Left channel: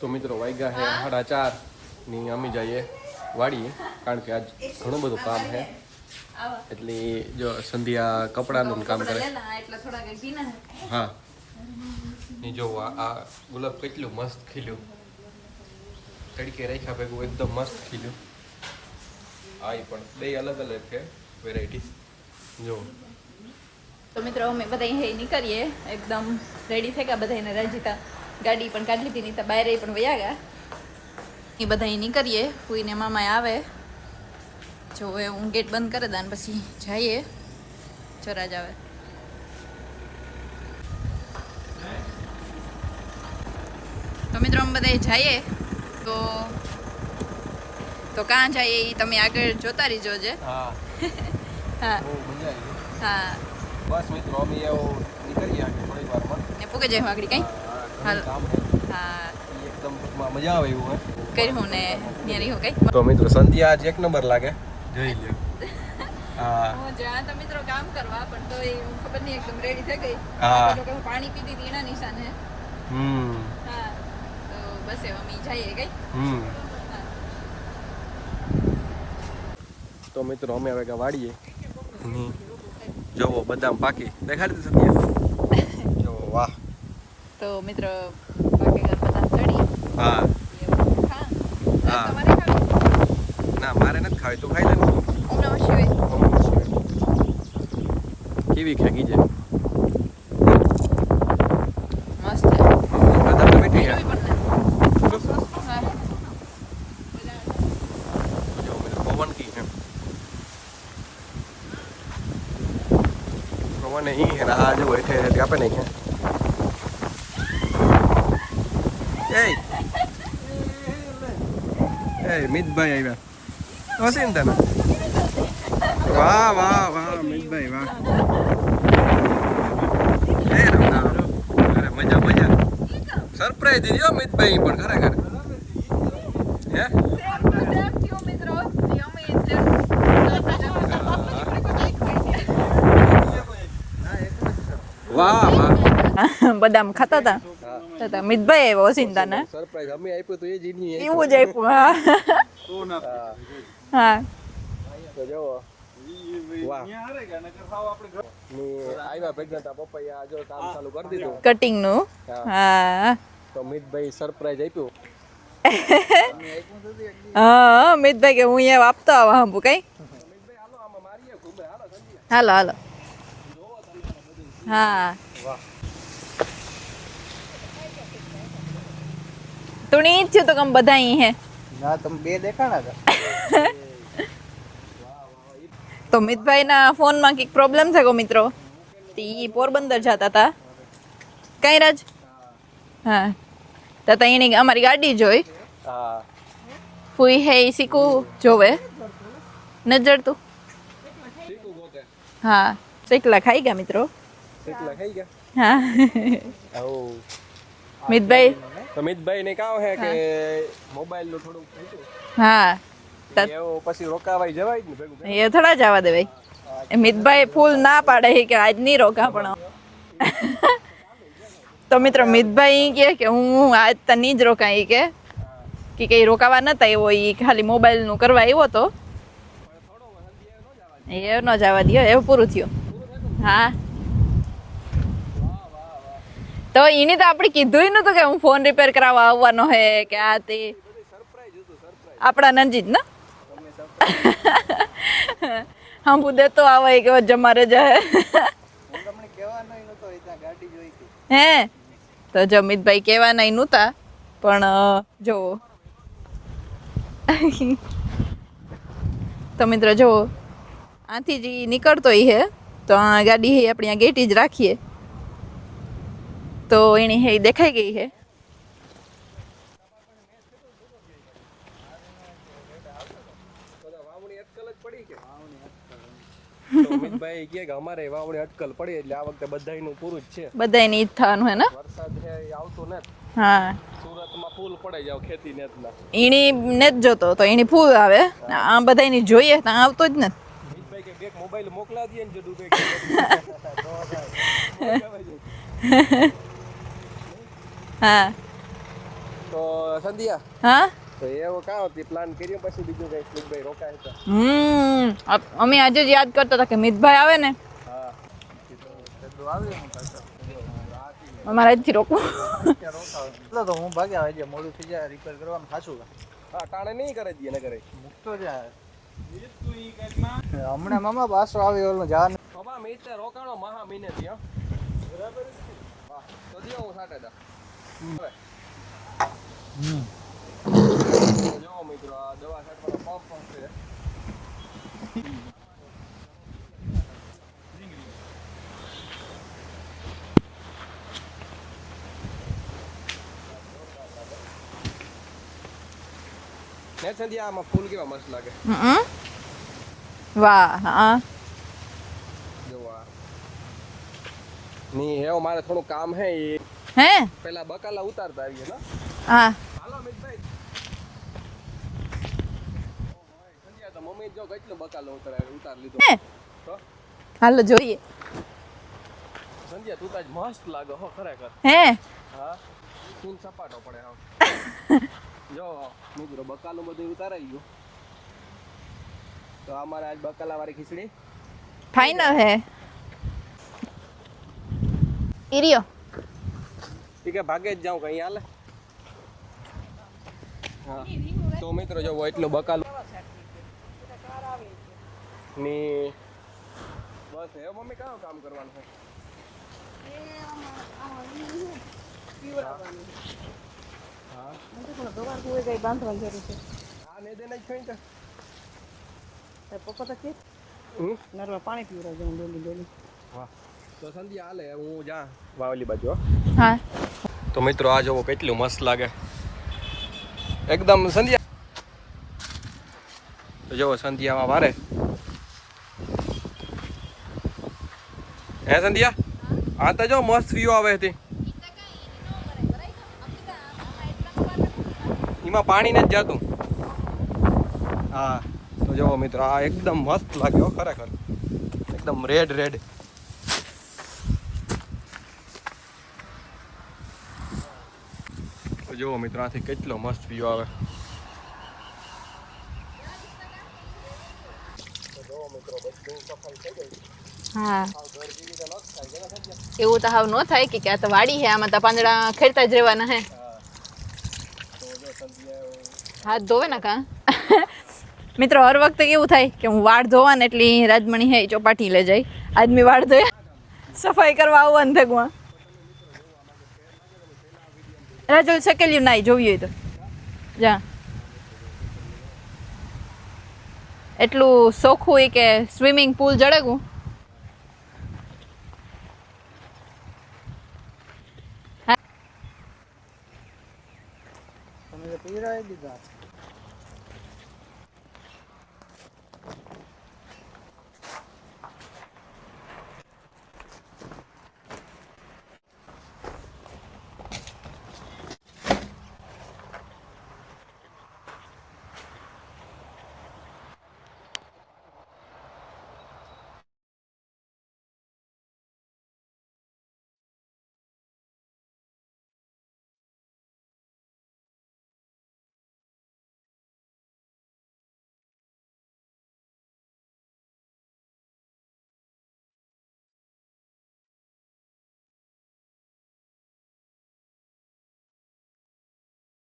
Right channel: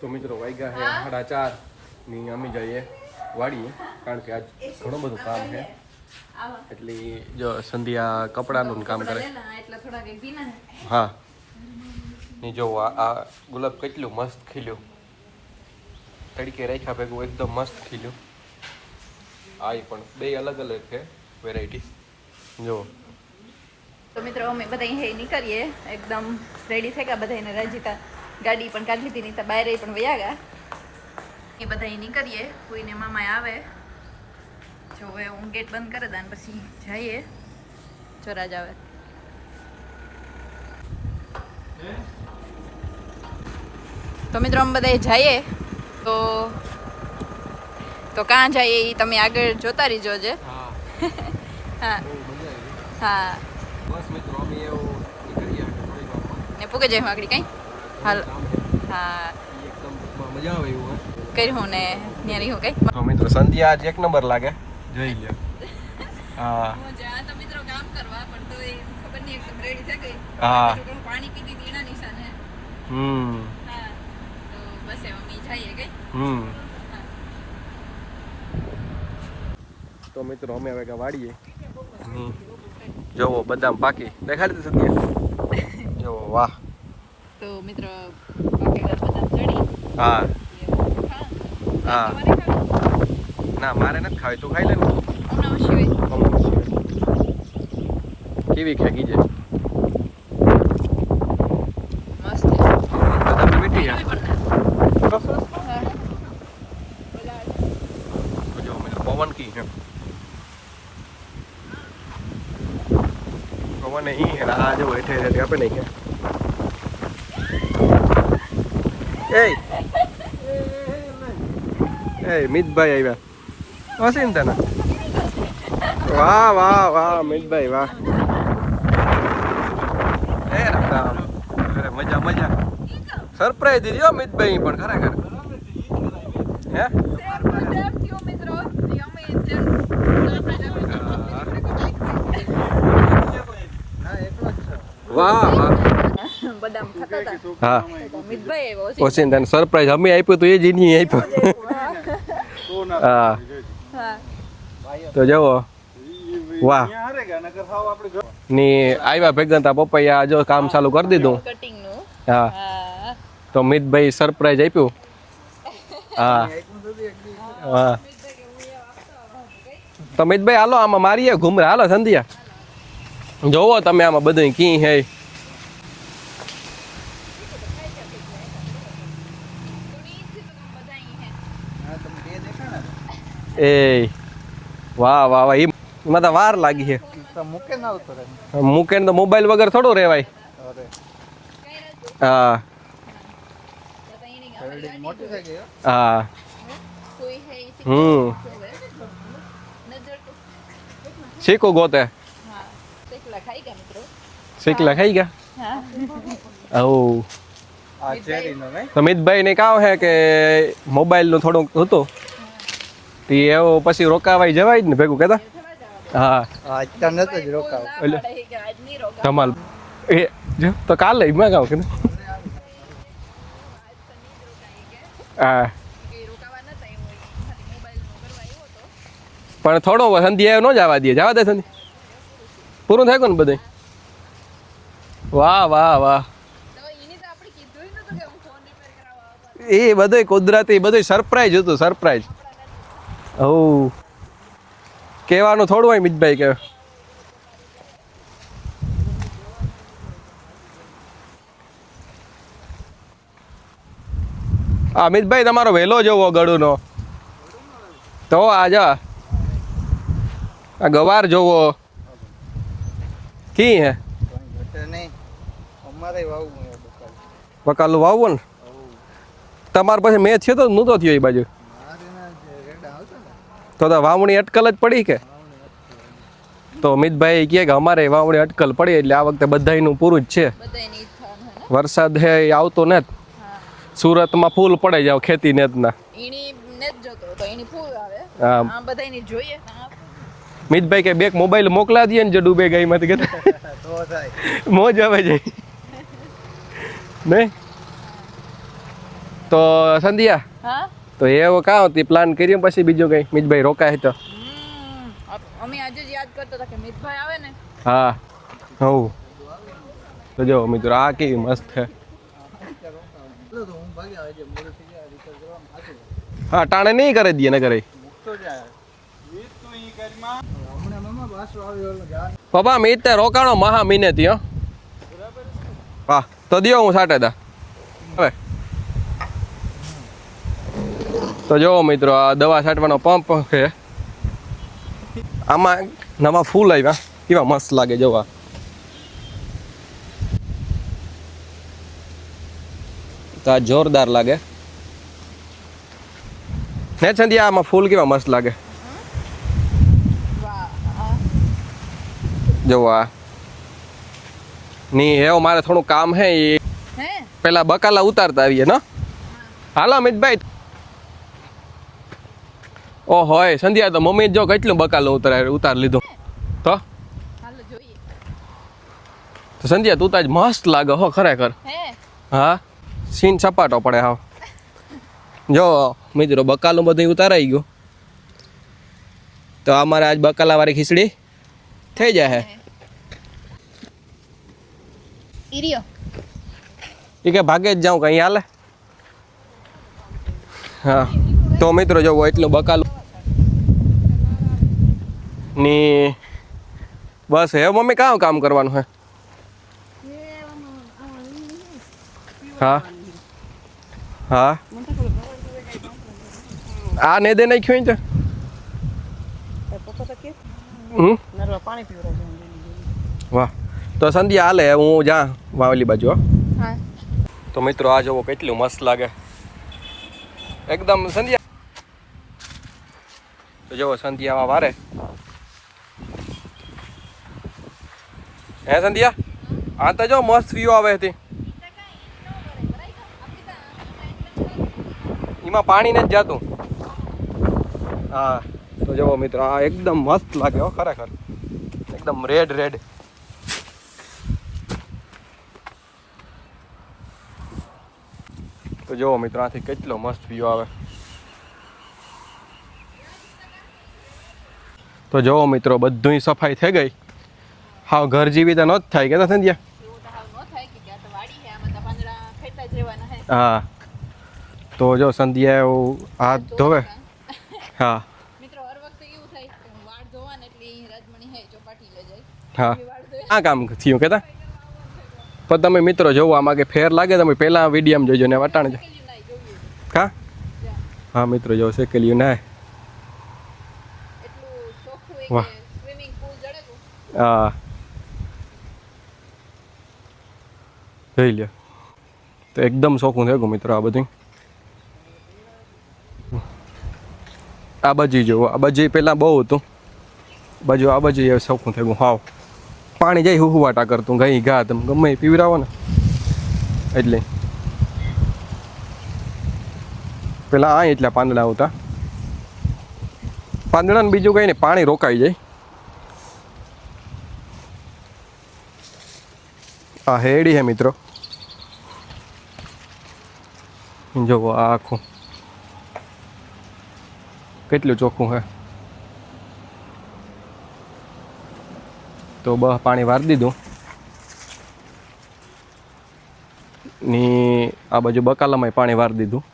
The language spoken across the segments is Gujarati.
તો મિત્રો વાગ્યા છે 4:30 ની અમે જઈએ વાડીએ, કારણ કે આજ ઘણું બધું કામ છે. એટલે જો સંધ્યા કપડાનું કામ કરે. હા ને જો આ ગુલાબ કેટલું મસ્ત ખીલ્યું, તડકે રાખ્યા ભેગું એકદમ મસ્ત ખીલ્યું. આ પણ બે અલગ અલગ છે વેરાયટી. જો તો મિત્રો અમે બધા નીકળીએ, એકદમ રેડી થઈ ગયા બધા. રજીતા ગાડી પણ કાઢી લીધી, નહીં તો બહાર પણ વયા ગયા. એ બધા નીકળીએ, કોઈને મામા આવે જો હું ગેટ બંધ કરી દઉં પછી જઈએ. ચોરાજ આવે તો મિત્રો અમે બધા જઈએ. તો કાં જઈએ એ તમે આગળ જોતા રહીજો છે. હા હા બસ મિત્રો અમે નીકળીએ થોડી વારમાં ને પૂગે જાય આગળ કઈ. હાલ હા એકદમ મજા આવે એવું કર્યું ને ન્યારી હો કઈ. તો મિત્રો સંધ્યા આજ 1 નંબર લાગે, જોઈ લ્યો. હા હું જ્યાં તો મિત્રો કામ કરવા પણ તો એ ખબર નહીં એકદમ રેડી થઈ ગઈ. હા જો હું પાણી પીધી હતી એના નિશાન હે. હા તો બસ એવા મી જઈએ ગઈ. તો મિત્રો અમે હવે વાડીએ. જોવો બદામ પાકી દેખાડી દે સંધ્યા. જોવો વાહ. તો મિત્રો પાટીદાર બદામ ચડી. હા હા ના મારે નથી ખાવી, તું ખાઈ લે ને. હમણાં શિવાય કેવી ખાગી છે મસ્ત. બદામ તો મીઠી છે. જો મિત્રો પવન કી છે, પવન અહીં છે. આ જો હેઠે હેઠે આપે નહીં કે એ મિતભાઈ આવ્યા હશે ને તને. વાહ વાહ વાહ મિતભાઈ વાહ. અરે મજા મજા. સરપ્રાઈઝ દીધી હો મિતભાઈ પણ ખરેખર. હે વાહ વાહ. બદામ ખાતા હતા. હા મિતભાઈ આવ્યો ઓસિંદન સરપ્રાઈઝ અમે આપ્યું તો એ જ નહીં આપ્યું. હા હા તો જવો વાહ ની આવ્યા ભેગા તા પપ્પા જો કામ ચાલુ કરી દીધું કટિંગ નું. હા તો મિતભાઈ સરપ્રાઈઝ આપ્યું. હા હા મિતભાઈ કે હું અહીંયા આપતો આવા હંબુ કઈ. તો મિતભાઈ હાલો આમાં મારીએ ઘુમરે. હાલો સંધ્યા હાલો હાલો જોવો તમે આમાં બધું કી હે. તુણી જ તો કમ બધા અહીં હે. ના તમે બે દેખાણા હતા. એ વાહ વાહ વાહ. ઈ મને તો વાર લાગી છે. ફોન માં કઈક પ્રોબ્લેમ થયો મિત્રો. મૂકે તો મોબાઈલ વગર થોડું રહેવાય. કઈ રાજ. હા હા તો તઈ અમારી ગાડી જોઈ. હા ફૂઈ હે સીકુ જોવે નજર તું શીખો ગોતે. હા શેકલા ખાઈ ગયા મિત્રો. શીખલા ખાઈ ગયા. હા ઓ મિતભાઈ તો મિતભાઈ ને કાવ હે કે મોબાઈલ નું થોડુંક હતું. હા તી એવો પછી રોકાવાય જવાય ને ભેગું કહેતા. એ થોડા જવા દેવાય. હા મિતભાઈ ફૂલ ના પાડે કે આજ નહીં રોકા. કમાલ. તો કાલે મેં કાવ કે તો મિત્રો મિતભાઈ કે હું આજ તો નહીં જ રોકાઈ કે હા કે કઈ રોકાવા નતા એવો ઈ ખાલી મોબાઈલ નું કરવા આવ્યો તો પણ થોડો સંધ્યા નો જવા દે. જવા દે ન જવા દે એવું પૂરું થયું. પૂરું થાય ને બધું. હા વાહ વાહ વાહ. તો એની તો આપણે કીધું નતું કે હું ફોન રિપેર કરાવવા આવવાનો હે. એ બધું કુદરતી બધું સરપ્રાઈઝ હતું. સરપ્રાઈઝ આપણા નજીક ને. ઓ કેવાનું થોડું હોય મિતભાઈ કે તો આવે કે જમારે જાય હે. તો જો મિતભાઈ કેવાના નહોતા પણ મિતભાઈ તમારો વેલો જોવો ગળુનો. તો આજા તો મિત્રો જો આ ગવાર જોવો નીકળતો ઈ હે તો આ ગાડી હે આપણે ગેટી જ રાખીએ તો એની હે દેખાઈ ગઈ. પકાલું વાવવું ને તમાર પછી મેચ છે તો નહોતો થયો એ બાજુ. તો વાવણી અટકલ જ પડી કે. તો મિતભાઈ કહે કે અમારે વાવણી અટકલ પડી એટલે આ વખતે બધાયનું પૂરું જ છે. બધાયની ઈજ થવાનું હે ને. વરસાદ હે આવતો ને. હા સુરતમાં ફૂલ પડે જાવ ખેતી નેતના. ઈણી ને જ જોતો તો ઈણી ફૂલ આવે. આ બધાયની જોઈએ તો આવતો જ ને. મિતભાઈ કે બેક મોબાઈલ મોકલા દઈએ ને જે ડૂબે ગઈ માંથી કે મોજ આવે જાય નહીં. હા તો સંધ્યા હા તો એવું કાં હતી પ્લાન કર્યો પછી બીજું કઈ મિતભાઈ રોકાય તો અમે આજે જ યાદ કરતા હતા કે મિતભાઈ આવે ને હા હવ તો જો મિત્રો આ કેવી મસ્ત મારા છે જ રોકવું તો હું ભાગ્યા હજી મોડું થઈ જાય રિપેર કરવામાં થાતું હા ટાણે નહીં કરે દઈએ ને કરે મૂકતો જાય હમણાં મામા પાછો આવે ઓલો જાન પપ્પા મીત તે રોકાણો મહા મહિને ત્યાં વાહ તો દિયો હું સાટે દા હવે તો જો મિત્રો આ દવા છાંટવાનો પંપ છે આમાં નવા ફૂલ આવ્યા કેવા મસ્ત લાગે જોવા તો આ જોરદાર લાગે ને ચંદિયા આમાં ફૂલ કેવા મસ્ત લાગે વાહ હા જોવા ની હેવ મારે થોડું કામ હે એ હે પેલા બકાલા ઉતારતા આવીએ ને હા હાલો અમિતભાઈ ઓ હોય સંધ્યા તો મમ્મી જો કેટલું બકાલો ઉતાર લીધું હે? તો હાલો જોઈએ તો સંધ્યા તું તો આજ મસ્ત લાગે હો ખરેખર હે હા સીન સપાટો પડે હાવ જો મિત્રો બકાલું બધું ઉતારાઈ ગયું તો અમારે આજ બકાલા વાળી ખીચડી થઈ ફાઈનલ જાય હે ઈરિયો એ કે ભાગે જ જાઉં કઈ હાલે હા તો મિત્રો જો એટલું બકાલું ની બસ હે મમ્મી કાં કામ કરવાનું હે હા હા આ ને દે નાખ્યું તો પાણી પીવડાવું વાહ તો સંધ્યા હાલે હું જા વાવલી બાજુ હો હા તો મિત્રો આ જોવો કેટલું મસ્ત લાગે એકદમ સંધ્યા તો જોવો સંધ્યામાં વારે હે સંધ્યા આ તો જો મસ્ત વ્યૂ આવે હતી એમાં પાણી ને જ જાતું હા તો જોવો મિત્રો આ એકદમ મસ્ત લાગે હો ખરેખર એકદમ રેડ રેડ તો જોવો મિત્રો આથી કેટલો મસ્ત વ્યૂ આવે તો જોવો મિત્રો બધુંય સફાઈ થઈ ગઈ હા હાવ ઘર જેવી તો ન જ થાય કે સંધ્યા એવું તો હાવ ન થાય કે આ તો વાડી હે આમાં તો પાંદડા ખેડતા જ રહેવાના હે હા તો જો સંધ્યા એવું હાથ ધોવે હા મિત્રો હર વખતે કેવું થાય કે હું વાળ ધોવા ને એટલી રાજમણી હે ચોપાટી લઈ જાય આજ મેં વાળ ધોયા આ કામ થયું કે સફાઈ કરવા આવવાનું થગવા પણ તમે મિત્રો જોવો આમાં કે ફેર લાગે તમે પહેલા વિડીયોમાં જોજો ને રાજુ વટાણ શકેલ્યું નાઈ જોવી હોય તો કા જા હા મિત્રો જો શેકેલ્યું ના એટલું સોખું હોય કે સ્વિમિંગ પૂલ જડેગું હા જોઈ લ્યો તો એકદમ શોખું થઈ ગયું મિત્રો આ બધું આ બાજુ જોવો આ બાજુ પહેલાં બહુ હતું બાજુ આ બાજુ એ શોખું થઈ ગયું હાવ પાણી જાય હુવાટા કરતું ગઈ ઘા તમે ગમે એ પીવરાવો ને એટલે પેલા આ એટલા પાંદડા આવતા પાંદડાને બીજું કંઈ નહીં પાણી રોકાઈ જાય આ હેડી હે મિત્રો જોવો આ આખું કેટલું ચોખ્ખું હે તો પાણી વારી દીધું ની આ બાજુ બકાલામાં પાણી વારી દીધું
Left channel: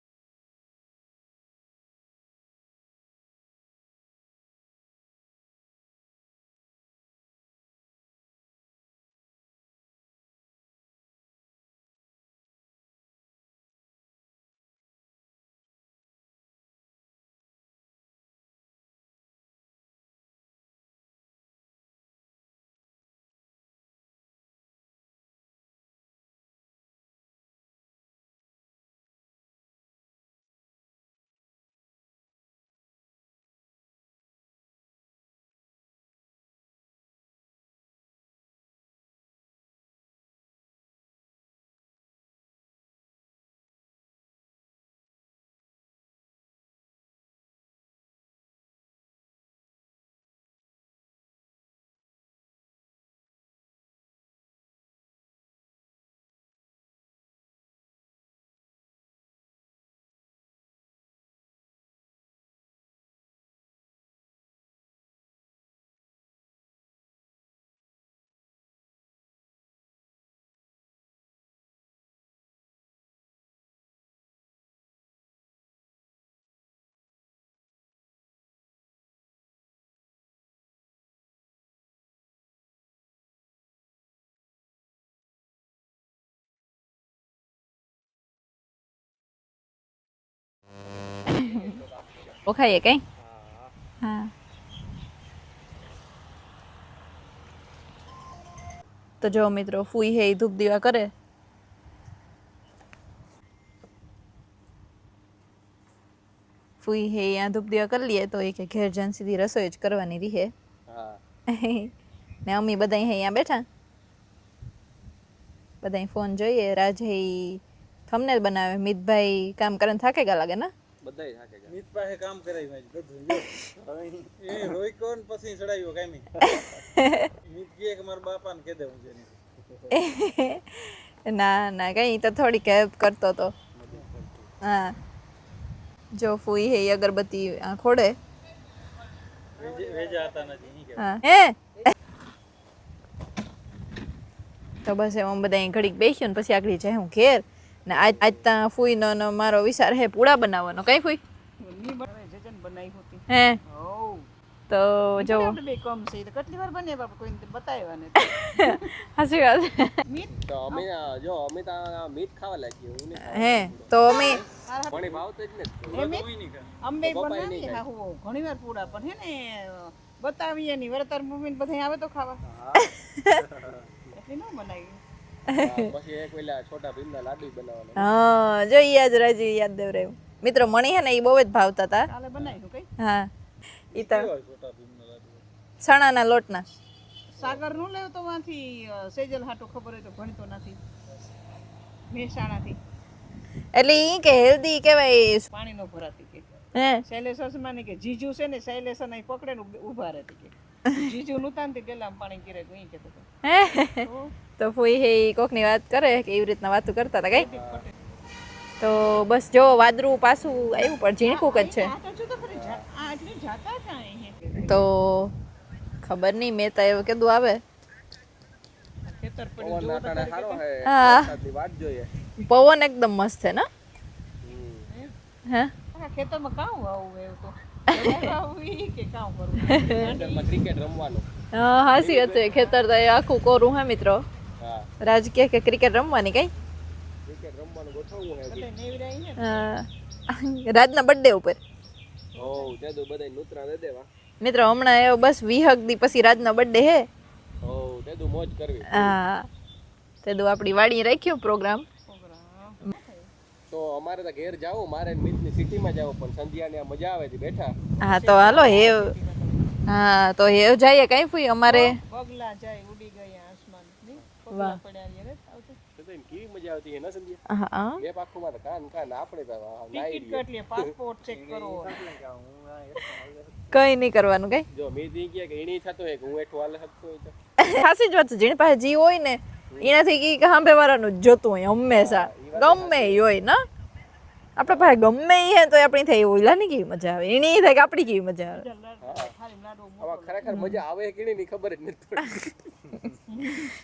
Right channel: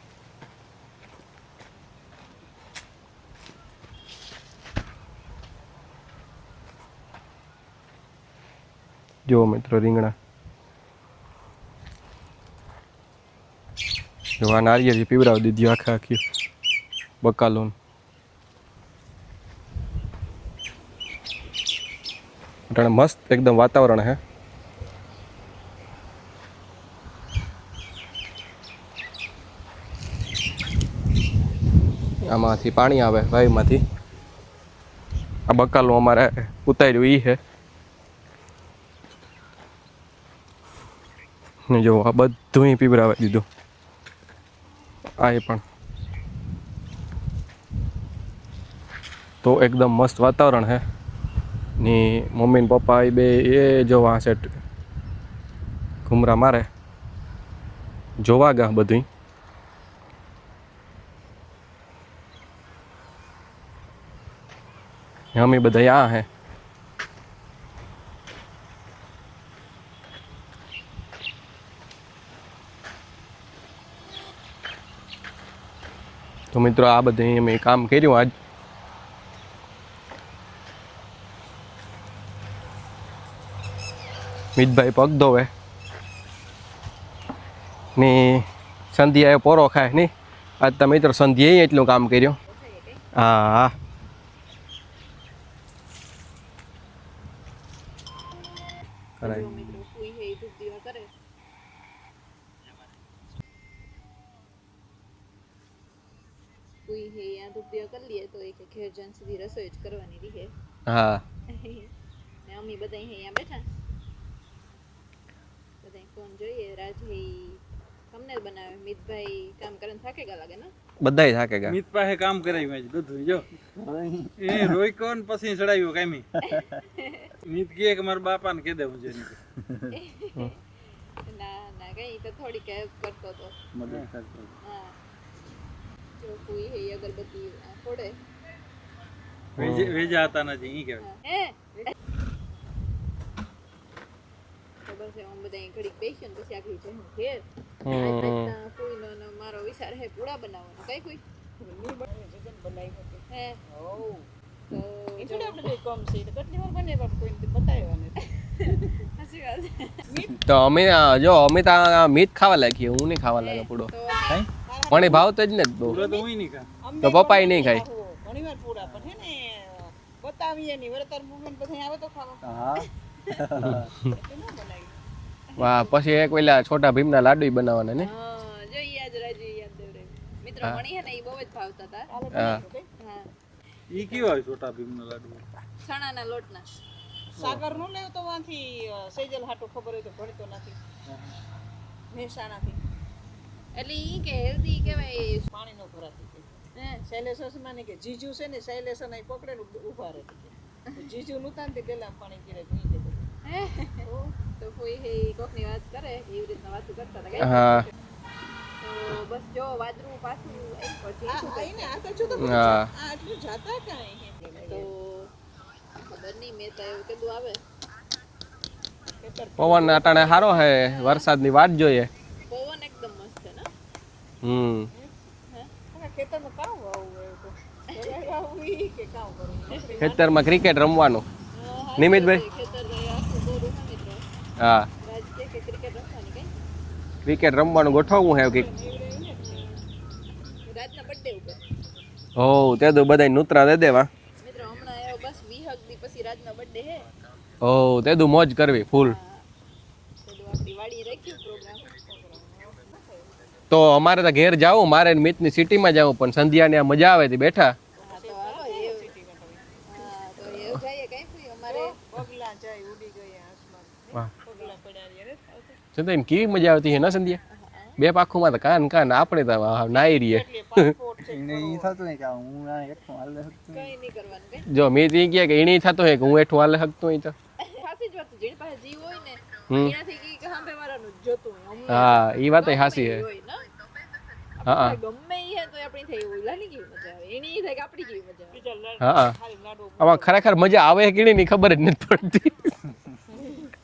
જુઓ મિત્રો રીંગણા જો આ નારિયેળ પીવડાવી દીધી આખે આખી બકાલો મસ્ત એકદમ વાતાવરણ હે આમાંથી પાણી આવે વાયુમાંથી આ બકાલું અમારે ઉતાર્યું ઈ હે ને જો આ બધું પીવડાવી દીધું આ પણ તો એકદમ મસ્ત વાતાવરણ હે ની મમ્મી ને પપ્પા એ બે એ જો આ સેટ ઘુમરા મારે જોવા ગા બધું અમે બધા આ હે તો મિત્રો આ બધે અમે કામ કર્યું આજ મિતભાઈ પગ ધોવે ને સંધ્યાએ પોરો ખાય નહીં આજ તો મિત્રો સંધ્યાએ એટલું કામ કર્યું ઓખાઈએ કઈ હા હા તો જો મિત્રો ફૂઈ હે ઈ ધૂપ દીવા કરે ફૂઈ હે અહીંયા ધૂપ દીવા કરી લઈએ તો એ કે ઘેર જન સીધી રસોઈ જ કરવાની રહે હા ને અમ્મી બધા અહીંયા બેઠા બધા ફોન જોઈએ રાજ હે થંબનેલ બનાવે મિતભાઈ કામ કરીને થાકેગા લાગે ને બધાય થાકે ગયા મિત પાસે કામ કરાવ્યું આજ બધું જો એ રોઈકો ને પછી ચડાવ્યો કામી મિત કે મારા બાપાને કહી દેવું છે ના ના કઈ તો થોડીક હેલ્પ કરતો તો હા જો ફૂઈ હે ઈ અગરબત્તી ખોડે વેજા હતા નથી ઈ કે હા હે તો બસ એમ બધા ઘડીક બેસ્યો ને પછી આગળ જાય હું ઘેર ને આજ ત્યાં ફૂઈ નો મારો વિચાર હે પૂડા બનાવવાનો કઈ ફૂઈ હે તો જો હાસી વાત તો અમે જો અમે તો મીત ખાવા લાગીએ હું નહીં ખાવા હે લાગ્યો પૂડો તો અમે પણ એ ભાવ તો જ ને બહુ તો હું નહીં ખા તો પપ્પાય નહીં ખાય ઘણીવાર પૂડા પણ હે ને બતાવીએ ની વરતાર મુમેન્ટ બધા આવે તો ખાવા એટલે ના બનાવી વાહ પછી એક પેલા છોટા ભીમના લાડુ બનાવવાના ને હા જો ઈ યાદ રાજુ યાદ દેવરાયું મિત્રો મણી હે ને ઈ બહુ જ ભાવતા હતા હા ઈ કેવો હોય છોટા ભીમનો લાડુ સણાના લોટના સાગર નું લેવ તો વાંથી સેજલ હાટો ખબર હોય તો ભણતો નથી મહેસાણાથી એટલે ઈ કે હેલ્ધી કહેવાય પાણી નો ભરાતી કે હે શૈલેષ ની કે જીજુ છે ને શૈલેષ ને પકડે ને ઊભા રહેતી કે જીજુ નુતાન તે પેલા પાણી કરે કોઈ કે તો ફૂઈ હે ઈ કોકની વાત કરે કે એવી રીતના વાતો કરતા હતા કઈ હા તો બસ જો વાદળું પાછું આવ્યું પણ ઝીણકુક જ છે આ તો જો તો હા આ એટલે જાતા કાંઈ હે તો ખબર નહીં મેં તો એવું કીધું આવે પવન અટાણે સારો હે વરસાદની વાટ જોઈએ પવન એકદમ મસ્ત છે ને હે આ ખેતરમાં કામ આવું એવું તો આવું ઈ કે કામ કરવું ખેતરમાં ક્રિકેટ રમવાનું હા હાસી વાત છે ખેતર તો એ આખું કોરું હે મિત્રો હા રાજ કે ક્રિકેટ રમવાની કઈ ક્રિકેટ રમવાનું ગોઠવવું હે કે રાજના બર્થડે ઉપર ઓ તે તો બધાય નૂતરા દે દેવા મિત્રો હમણાં એવો બસ 20 દી પછી રાજનો બર્થડે હે ઓ તે તો મોજ કરવી ફૂલ હા તે તો આપણી વાડી રાખ્યો પ્રોગ્રામ તો અમારે તો ઘેર જાવું મારે મિતની સિટીમાં જાવું પણ સંધ્યાને આ મજા આવે તે બેઠા હા તો હાલો હેવ હા તો હેવ જઈએ કઈ ફૂઈ અમારે પગલા જાય ઉડી ગયા આસમાન વાહ પગલા પડ્યા રે સંધ્યા કેવી મજા આવતી હે ના સંધ્યા હા બે પાખુમાં તો કાન કાન આપણે તો નાઈ રહીએ એટલે પાસપોર્ટ ચેક એને ઈ થતું નહીં કે હું આ એકલો હાલે કઈ નહીં કરવાનું કઈ જો મેં તી કહે કે એની થતો હે કે હું એઠું હાલે શકતો હોય તો હાસી જ વાત છે જેની પાસે જી હોય ને એનાથી કી કે સાંભે વાળાનું જ જોતું હોય હંમેશા હા, ઈ વાત ય હાચી ગમે હે. ઈ હોય ને આપણે પાસે ગમે ઈ હે તો આપણી થાય ઓલા ની કેવી મજા આવે એની થાય કે આપણી કેવી મજા આવે હા આમાં ખરેખર મજા આવે કે નહીં ખબર જ નથી પડતી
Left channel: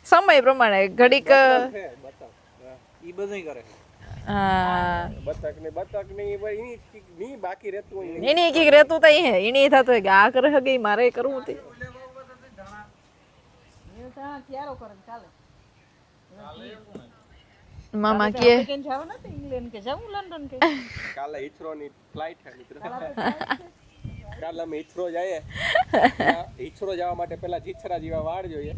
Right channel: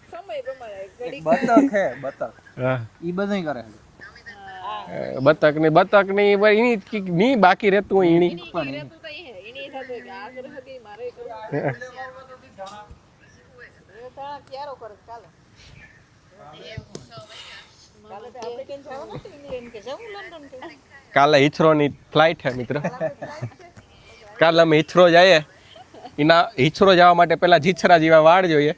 સમય પ્રમાણે ઘડીક હે બતક હા ઈ બધુંય કરે હા બતક ની એની ની બાકી રહેતું હોય એની એની કઈક રહેતું તો હે એની થતું હોય કે આ કરે હગે ઈ મારે કરવું તે ક્યારો કરે ચાલે મામા કે કેમ જાવ ને ઇંગ્લેન્ડ કે જાવ લંડન કે કાલે હિથરો ની ફ્લાઇટ હે મિત્ર કાલે અમે હિથરો જઈએ એના હિથરો જવા માટે પેલા જીછરા જેવા વાળ જોઈએ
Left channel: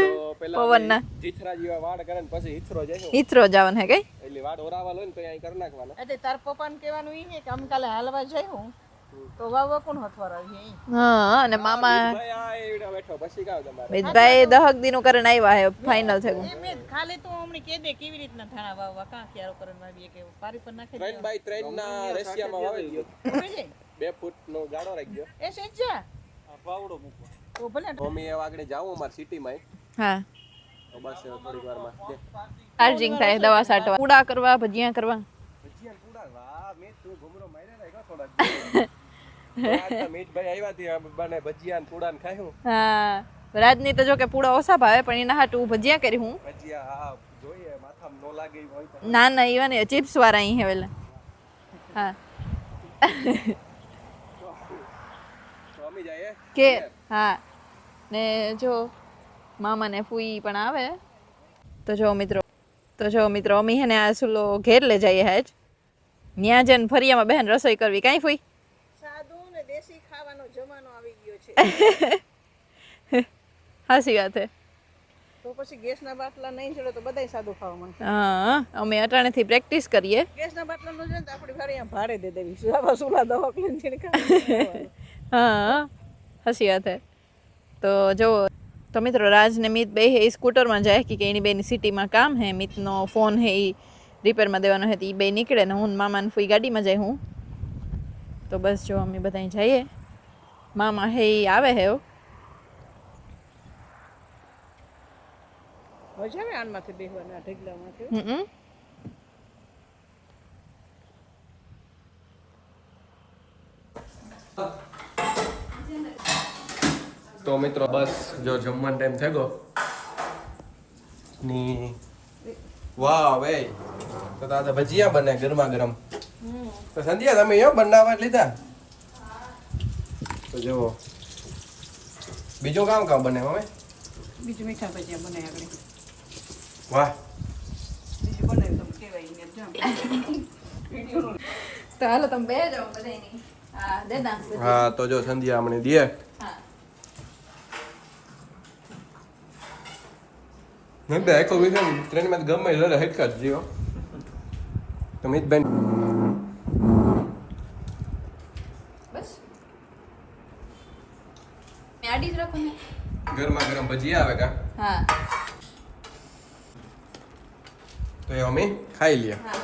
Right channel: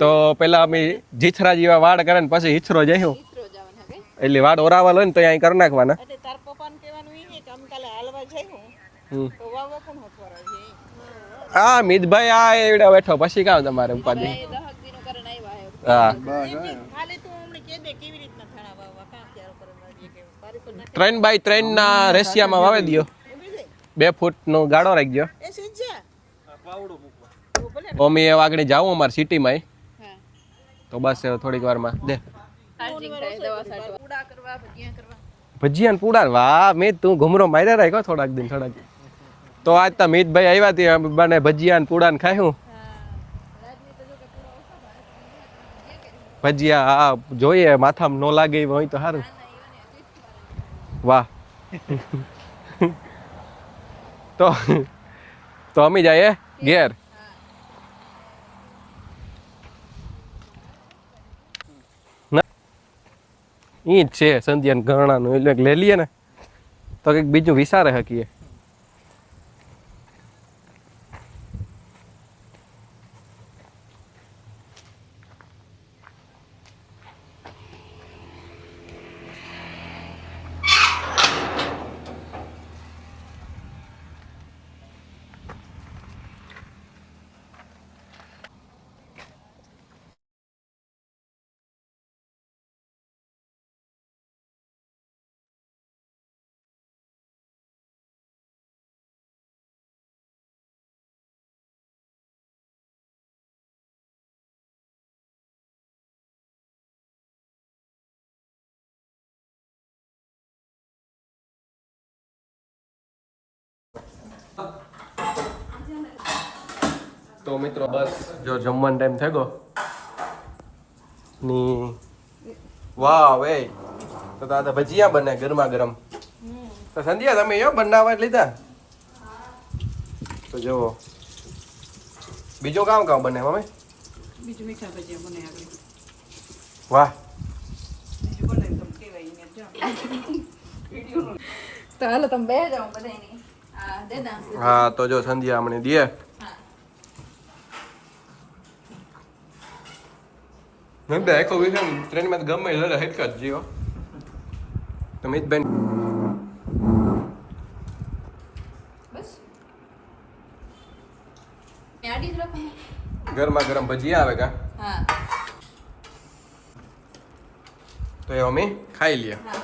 તો પેલા અમે જીથરા જેવા વાળ કરે ને પછી હિથરો જઈશું ઈથરો જવાનું હે કઈ એટલે વાળ ઓરાવા લો ને તો અહીં કરી નાખવાના એટલે તાર પપ્પાને કહેવાનું ઈ ને કે અમે કાલે હાલવા જઈશું તો વાવા કોણ હથવારા છે ઈ હા અને હા મિતભાઈ આ એવડા બેઠો પછી કામ તમારે મિતભાઈ 10 દિનો કરીને આવ્યા હે ફાઇનલ થયું એમને ખાલી તું અમને કહી દે કેવી રીતના થાણા વાવવા કાં ક્યારો કરીને વાવીએ કે પારી પર નાખી 3x3 ના રેશિયામાં વાવી દ્યો હોય જાય 2 ફૂટ નો ગાળો રાખજો એ સેજા પાવડો મૂકવા તો ભલે અમે એ આગળ જાવું અમારી સિટીમાં હા તો બસ થોડીક વારમાં દે ચાર્જિંગ થાય દવા છાંટવા પૂડા કરવા ભજીયા કરવા ભજીયા ને પૂડા વાહ મિત તું ઘુમરો માર્યા રાખ્યો થોડાક દી થોડાક તો આજ તો મિતભાઈ આવ્યા હતી બને ભજીયા ને પૂડા ને ખાયું હા રાજની તો જો કે પૂડા ઓછા ભાવે પણ એના હાટું ભજીયા કરી હું ભજીયા હા જોઈએ માથામાં નો લાગે એવા હોય તો હારું. ના ના ઈવન ચિપ્સ વાળા અહીં હેવેલા વાહ હા તો અમે જઈએ ઘેર હા ને જો મામા ને ફૂઈ પણ આવે તો જો મિત્રો અમે હે ને આ છે શું ઘેર લઈ જઈએ હે સંધ્યા લઈ લઈએ ને ન્યા જન ફરી અમે બહેન બીજું રસોઈ વિચારે કરી કાઈ હકીએ. ફૂઈ સાદું ને દેશી ખાવાનો જમાનો આવી ગયો છે હાસી વાત હે તો પછી ગેસના બાટલા નહીં ચડે તો બધાય સાદું ખાવા માંગે હા અમે અટાણેથી પ્રેક્ટિસ કરીએ ગેસના બાટલા ભારે દે દેવી સુલા સુલા દવા કરીને છિડકા હા હાસી વાત હે તો જો તો મિત્રો રાજ ને મિત બે હે સ્કૂટરમાં જાય કે એની બેની સિટીમાં કામ હે મિતનો ફોન હે એ રિપેરમાં દેવાનો હે તો એ બે નીકળે ને હું ને મામા ને ફૂઈ ગાડીમાં જાય હું તો બસ જો અમે બધા જઈએ મામા હે એ આવે હે મજા આવે આનમાંથી બેહવાના ઢગલામાંથી હમ તો મિત્રો બસ જો જમવાનો ટાઈમ થઈ ગયો ની વાહ વે તો તાતા ભજીયા બને ગરમા ગરમ તો સંધ્યા તમે યો બનાવવા લીધા તો જો બીજું કામ બને મમ્મી બીજું મીઠા ભજીયા બને આગળ વાહ બીજું બને તો કેવાય ને જામ તો હાલો તમે બે જાઓ બધાની હા દેદા હા તો જો સંધ્યા અમને દે મેં બે આખો વીકેન્ડ ટ્રેનમાં ગમે લડે હેટકા જ જીઓ તો મિતબેન બસ આડી જ રાખો ને ગરમા ગરમ ભજીયા આવે કા હા તો એ અમે ખાઈ લઈએ હા